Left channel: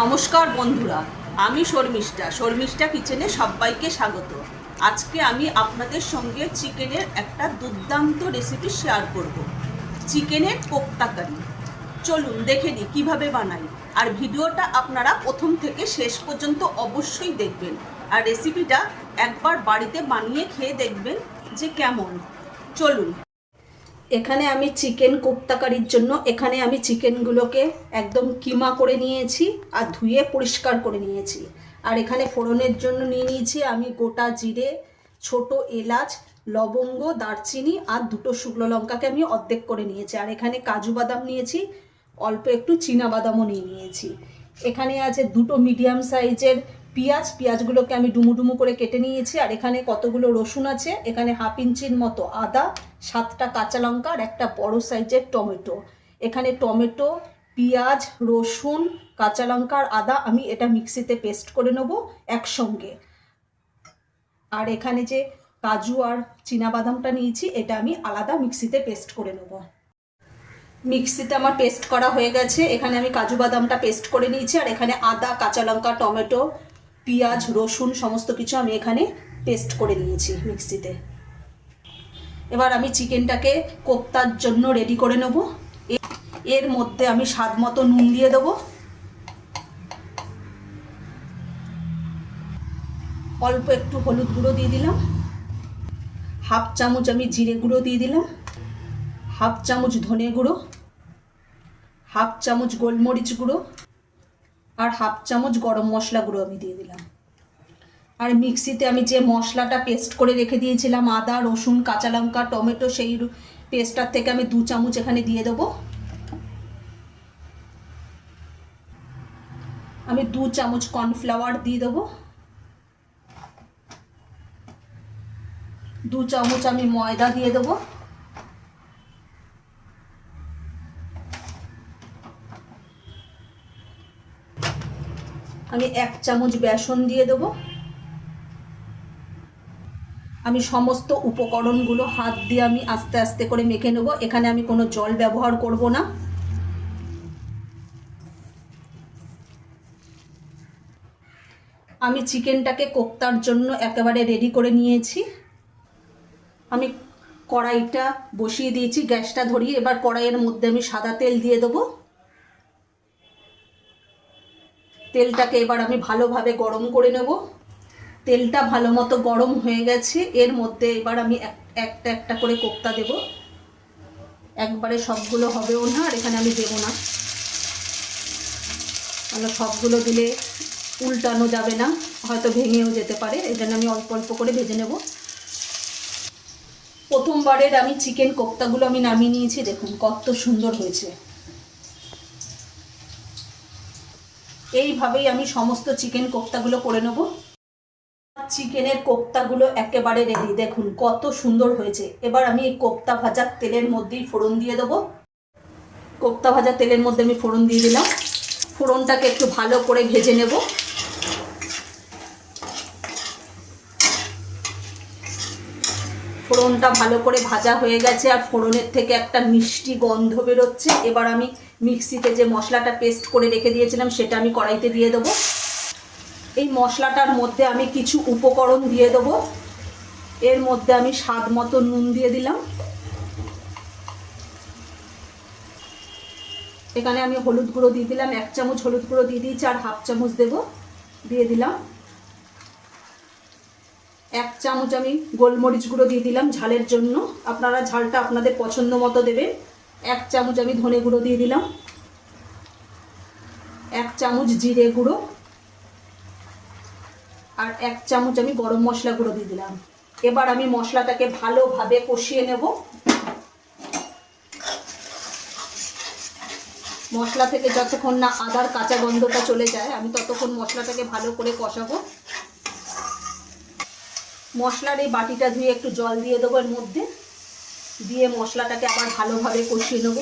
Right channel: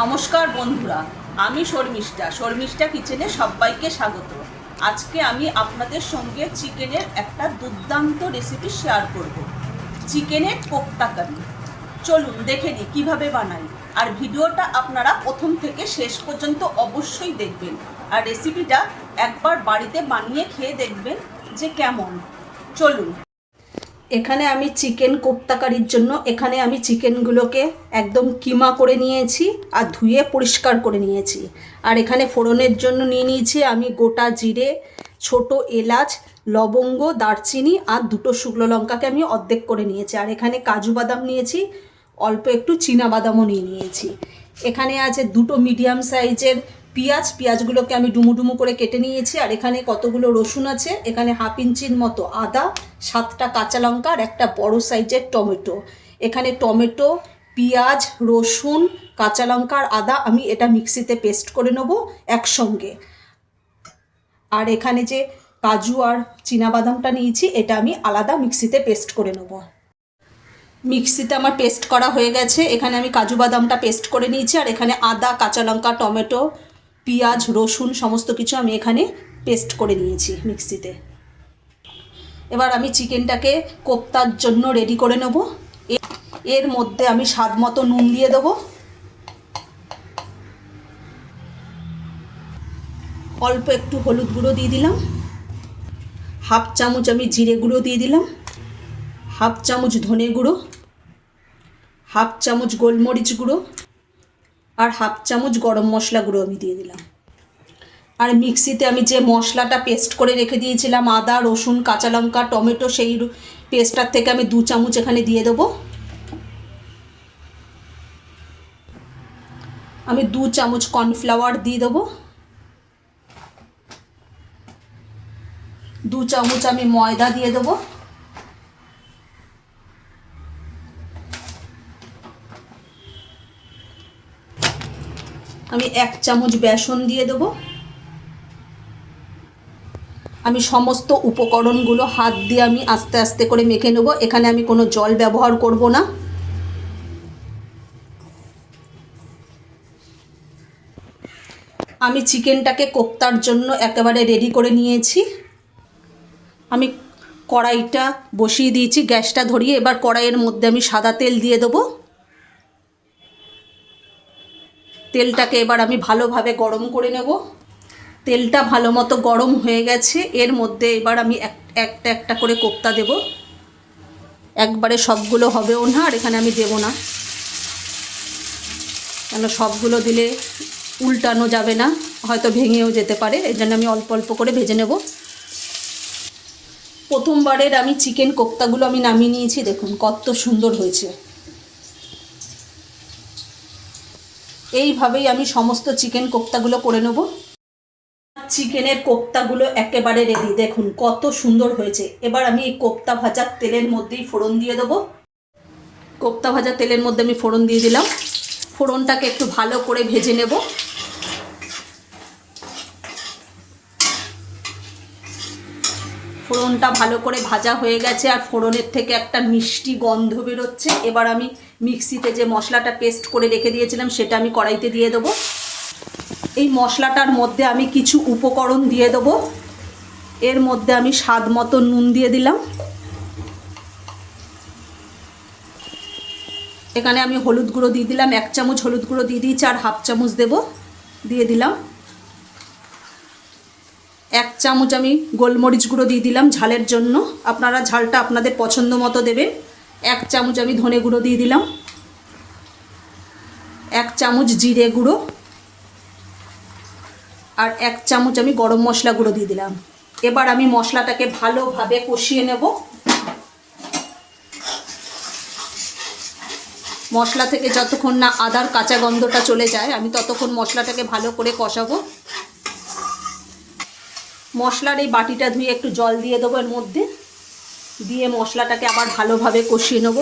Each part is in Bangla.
নমস্কার বন্ধুরা, আমি শর্মিষ্ঠা কিচেনে সবাইকে স্বাগত। আজকে আমি আপনাদের সঙ্গে চিকেনের একটা দুর্দান্ত রেসিপি শেয়ার করব। চিকেনের কোপ্তা কারি। চলুন দেখে নিই কীভাবে বানাই। আর ভিডিওটা আপনারা প্রথম থেকে শেষ পর্যন্ত অবশ্যই দেখবেন। আর রেসিপিটা একবার বাড়িতে বানিয়ে খেয়ে দেখবেন যে কেমন। চলুন। এখানে আমি চিকেন কোপ্তা কারির জন্য এখানে আমি চিকেনগুলোকে একদম কিমা করে নিয়েছি আর ধুয়ে পরিষ্কার করে নিয়েছি। আর এখানে ফোড়নের জন্য নিয়ে নিয়েছি আমি গোটা জিরে, ছোট এলাচ, লবঙ্গ, দারচিনি আর দুটো শুকনো লঙ্কাকে আমি অর্ধেক করে নিয়েছি। আর এখানে কাজু বাদাম নিয়েছি, অল্প একটু চীনা বাদামও নিয়েছি। এখানে আছে দুটো মিডিয়াম সাইজের পেঁয়াজগুলোকে আমি ডুমু ডুমু করে কেটে নিয়েছি। আর এখানে কতগুলো রসুন আছে, এখানে হাফ ইঞ্চির মতো আদা, 7টা কাঁচা লঙ্কা আর একটা বড় সাইজের টমেটো। এখানে টমেটো, পেঁয়াজ, রসুন, কাঁচা লঙ্কা আর আদা আমি এটা মিক্সিতে পেস্ট করে নেব একসঙ্গে। আর এখানে যে কাজু আর চীনাবাদামটা নিয়েছি এটা আমি আলাদা মিক্সিতে পেস্ট করে নেব। মিক্সিতে আমার পেস্ট করা হয়ে গেছে। এখানে আমি কাজু বাদামটা পেস্ট করে নিয়েছি। আর এখানে আদা, কাঁচা লঙ্কা, টমেটো, পেঁয়াজ, রসুন সমস্ত কিছু আমি এখানে পেস্ট করে নিয়েছি মিক্সিতে। এবার আমি চিকেনটাকে কোপ্তার জন্য রেডি করে নেব। এর মধ্যে আমি স্বাদ মতো নুন দিয়ে দেবো, অল্প একটু হলুদ গুঁড়ো দিয়ে দিলাম, হাফ চামচ আমি জিরে গুঁড়ো দিয়ে দিলাম, হাফ চামচ ধনে গুঁড়ো, হাফ চামচ গোলমরিচ গুঁড়ো আর হাফ চামচ গরম মশলা গুঁড়ো আমি দিয়ে দিলাম। আর মিক্সিতে আমি যে মশলাটা পেস্ট করে রেখে দিয়েছিলাম আদা, রসুন, কাঁচা লঙ্কা, টমেটো, সেই পেস্টটার থেকে আমি 2 চামচ এখানে দিয়ে দেবো। আমি 2 চামচ কর্নফ্লাওয়ার দিয়ে দেবো, 2 চামচ আমি ময়দা দিয়ে দেবো, আমি 1 চামচ বেসন দিয়ে দেবো। আমি সমস্ত উপকরণগুলো হাত দিয়ে আমি আস্তে আস্তে করে মেখে নেব। এখানে আমি কোনো জল ব্যবহার করব না। আমি চিকেনটাকে কোপ্তার জন্য একেবারে রেডি করে নিয়েছি। আমি কড়াইটা বসিয়ে দিয়েছি, গ্যাসটা ধরিয়ে। এবার কড়াইয়ের মধ্যে আমি সাদা তেল দিয়ে দেবো। তেলটাকে এবার আমি ভালোভাবে গরম করে নেব। তেলটা ভালো মতো গরম হয়ে গেছে। এর মধ্যে এবার আমি একটা একটা করে কোপ্তা দেব। একবারে সবগুলো হবেও না, আর এখানে আমি দেব না, কেন সবগুলো দিলে উল্টানো যাবে না, হয়তো ভেঙেও যেতে পারে। এই জন্য আমি অল্প অল্প করে ভেজে নেব। প্রথমবারের আমি চিকেন কোপ্তাগুলো আমি নামিয়ে নিয়েছি, দেখুন কত সুন্দর হয়েছে। এইভাবেই আমি সমস্ত চিকেন কোপ্তাগুলো করে নেব। চিকেনের কোপ্তাগুলো একেবারে রেডি, দেখুন কত সুন্দর হয়েছে। এবার আমি এই কোপ্তা ভাজার তেলের মধ্যেই ফোড়ন দিয়ে দেবো। কোপ্তা ভাজা তেলের মধ্যে আমি ফোড়ন দিয়ে দিলাম। ফোড়নটাকে একটু ভালো করে ভেজে নেব। ফোড়নটা ভালো করে ভাজা হয়ে গেছে আর ফোড়নের থেকে একটা মিষ্টি গন্ধ বেরোচ্ছে। এবার আমি মিক্সিতে যে মশলাটা পেস্ট করে রেখে দিয়েছিলাম সেটা আমি কড়াইতে দিয়ে দেবো। এই মশলাটার মধ্যে আমি কিছু উপকরণ দিয়ে দেবো। এর মধ্যে আমি স্বাদ মতো নুন দিয়ে দিলাম। এখানে আমি হলুদ গুঁড়ো দিয়ে দিলাম, 1 চামচ হলুদ গুঁড়ো দিয়ে দিয়েছি আর হাফ চামচ দিয়ে দিলাম। 1 চামচ আমি গোলমরিচ গুঁড়ো দিয়ে দিলাম ঝালের জন্য, আপনারা ঝালটা আপনাদের পছন্দ মতো দেবেন। 1 চামচ আমি ধনে গুঁড়ো দিয়ে দিলাম, 1 চামচ জিরে গুঁড়ো আর 1 চামচ আমি গরম মশলা গুঁড়ো দিয়ে দিলাম। এবার আমি মশলাটাকে ভালোভাবে কষিয়ে নেব। মশলা থেকে যতক্ষণ না আদার কাঁচা গন্ধটা চলে যায় আমি ততক্ষণ মশলাটাকে ভালো করে কষাবো। মশলার এই বাটিটা ধুয়ে একটু জল দিয়ে দেবো এর মধ্যে, দিয়ে মশলাটাকে আবার ভালোভাবে কষিয়ে নেব।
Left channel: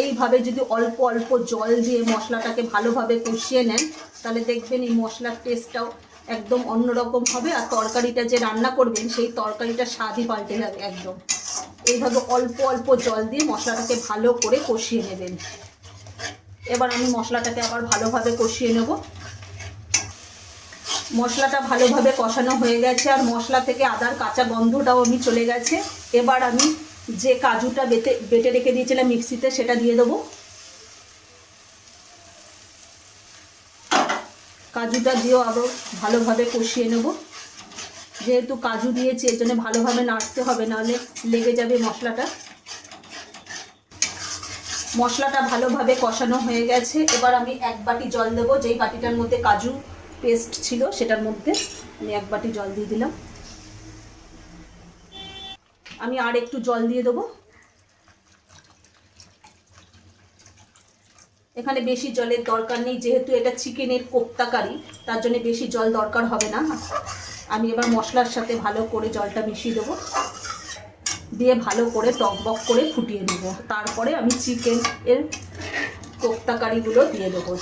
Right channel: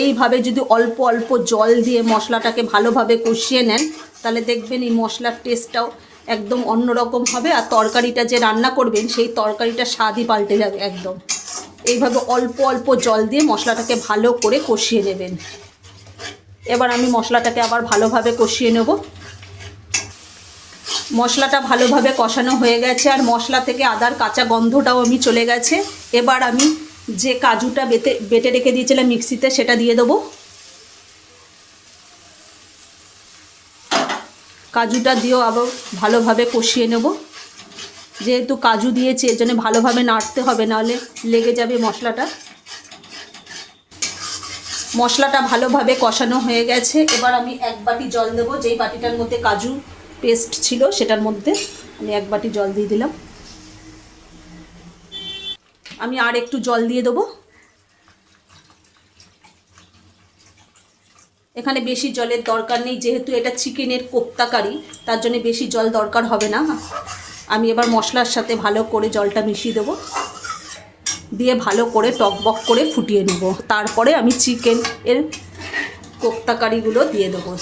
এইভাবে যদি অল্প অল্প জল দিয়ে মশলাটাকে ভালোভাবে কষিয়ে নেন তাহলে দেখবেন এই মশলার টেস্টটাও একদম অন্যরকম হবে। আর তরকারিটা যে রান্না করবেন সেই তরকারিটা স্বাদই পাল্টে যাবে একদম। এইভাবে অল্প অল্প জল দিয়ে মশলাটাকে ভালো করে কষিয়ে নেবেন। এবার আমি মশলাটাকে আবার ভালোভাবে কষিয়ে নেব। মশলাটা ভালোভাবে কষানো হয়ে গেছে আর মশলা থেকে আদার কাঁচা গন্ধটাও আমি চলে গেছে। এবার আমি যে কাজুটা বেটে রেখে দিয়েছিলাম মিক্সিতে সেটা দিয়ে দেবো। কাজুটা দিয়েও আবার ভালোভাবে কষিয়ে নেব। যেহেতু কাজু দিয়েছি এর জন্য ভালোভাবে নাড়তে হবে, নাহলে লেগে যাবে মশলাটা। মশলাটা ভালোভাবে কষানো হয়ে গেছে। এবার আমি 1 বাটি জল দেবো। যেই বাটিটার মধ্যে কাজু পেস্ট ছিল সেটার মধ্যে আমি 1 বাটি জল দিয়ে দিলাম। আমি আর একটু জল দিয়ে দেবো। এখানে বেশি জলের দরকার নেই, যেহেতু এটা চিকেনের কোপ্তা কারি, তার জন্য বেশি জল দরকার হবে না। আমি এবার মশলার সাথে ভালো করে জলটা মিশিয়ে দেবো, দিয়ে ভালো করে টকবক করে ফুটিয়ে নেব। তারপরে আমি চিকেন এর কোপ্তা কারিগুলো দিয়ে দেবো।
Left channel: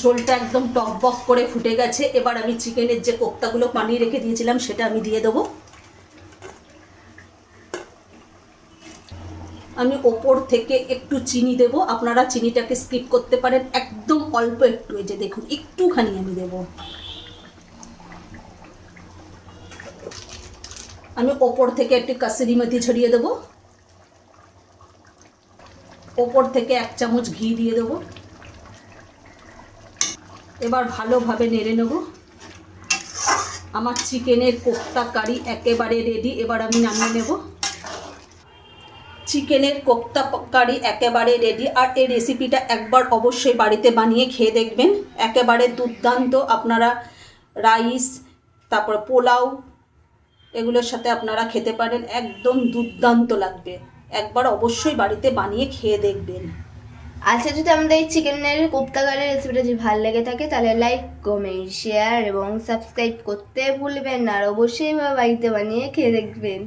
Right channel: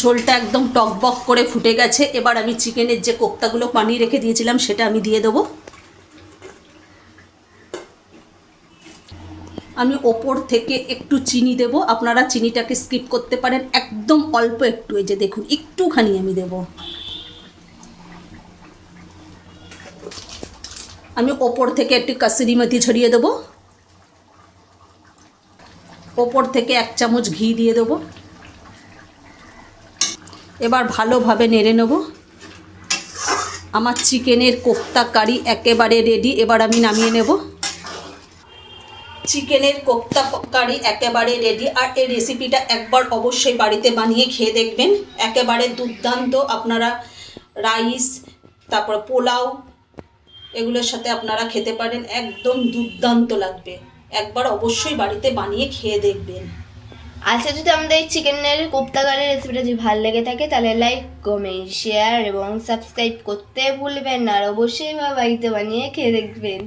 ঝোলটা একদম টকবক করে ফুটে গেছে। এবার আমি চিকেনের যে কোপ্তাগুলো বানিয়ে রেখে দিয়েছিলাম সেটা আমি দিয়ে দেবো। আমি ওপর থেকে একটু চিনি দেব। আপনারা চিনিটাকে স্কিপ করতে পারেন, একদম অল্প একটু, এই যে দেখুন একটুখানি আমি দেব। আমি ওপর থেকে একটু কাসুরি মেথি ছড়িয়ে দেবো। ওপর থেকে 1 চামচ ঘি দিয়ে দেবো। এবার ভালোভাবে নেড়ে নেব। আমার চিকেনের কোপ্তা কারি একেবারে রেডি। এবার আমি নামিয়ে নেব। চিকেনের কোপ্তা কারি একেবারে রেডি। আর এই রেসিপিটা একবার অবশ্যই বাড়িতে বানিয়ে খেয়ে দেখবেন, একেবারে দুর্দান্ত। আপনারা রাইস, তারপর পোলাও, এগুলোর সাথে আপনারা খেতে পারেন, একদম দুর্দান্ত লাগবে। একবার অবশ্যই বাড়িতে বানিয়ে খেয়ে দেখবেন। আচ্ছা, যদি আমাদের এই চিকেনের কোপ্তা কারির রেসিপিটা যদি ভালো লেগে থাকে তাহলে লাইক, কমেন্ট, শেয়ার এবং সাবস্ক্রাইব করতে ভুলবেন না। আর অবশ্যই বাড়িতে বানিয়ে খেয়ে দেখবেন।